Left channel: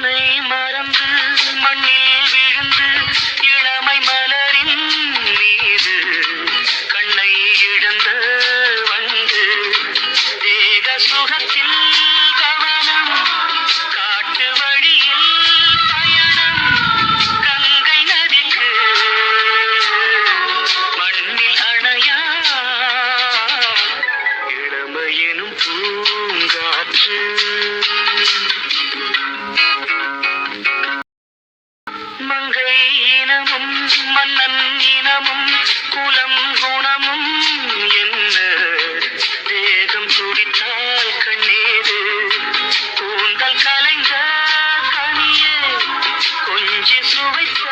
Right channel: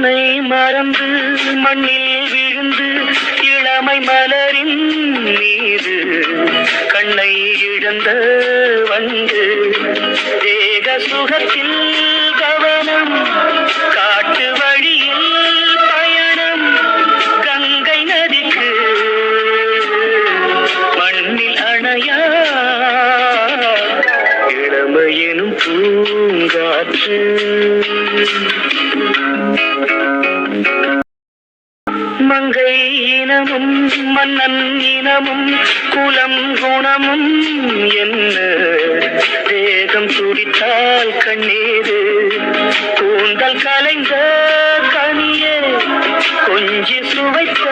உன்னை மறந்து மண்ணில் விழுந்து இளமை மலரின் மீது கண்ணை இழந்த வந்து தேக சுகத்தில் கவனம் காட்டு வழியில் பயணம் கங்கை நதிக்கு மண்ணில் அணையா இளமையெனும் பூங்காற்று மங்கை இனமும் மன்னன் இனமும் குலம் குணமும் என்ன வேகம் துடித்தால் கண்ணீரு கூந்தல் கலைந்த கனியே கொஞ்சி சுவைத்த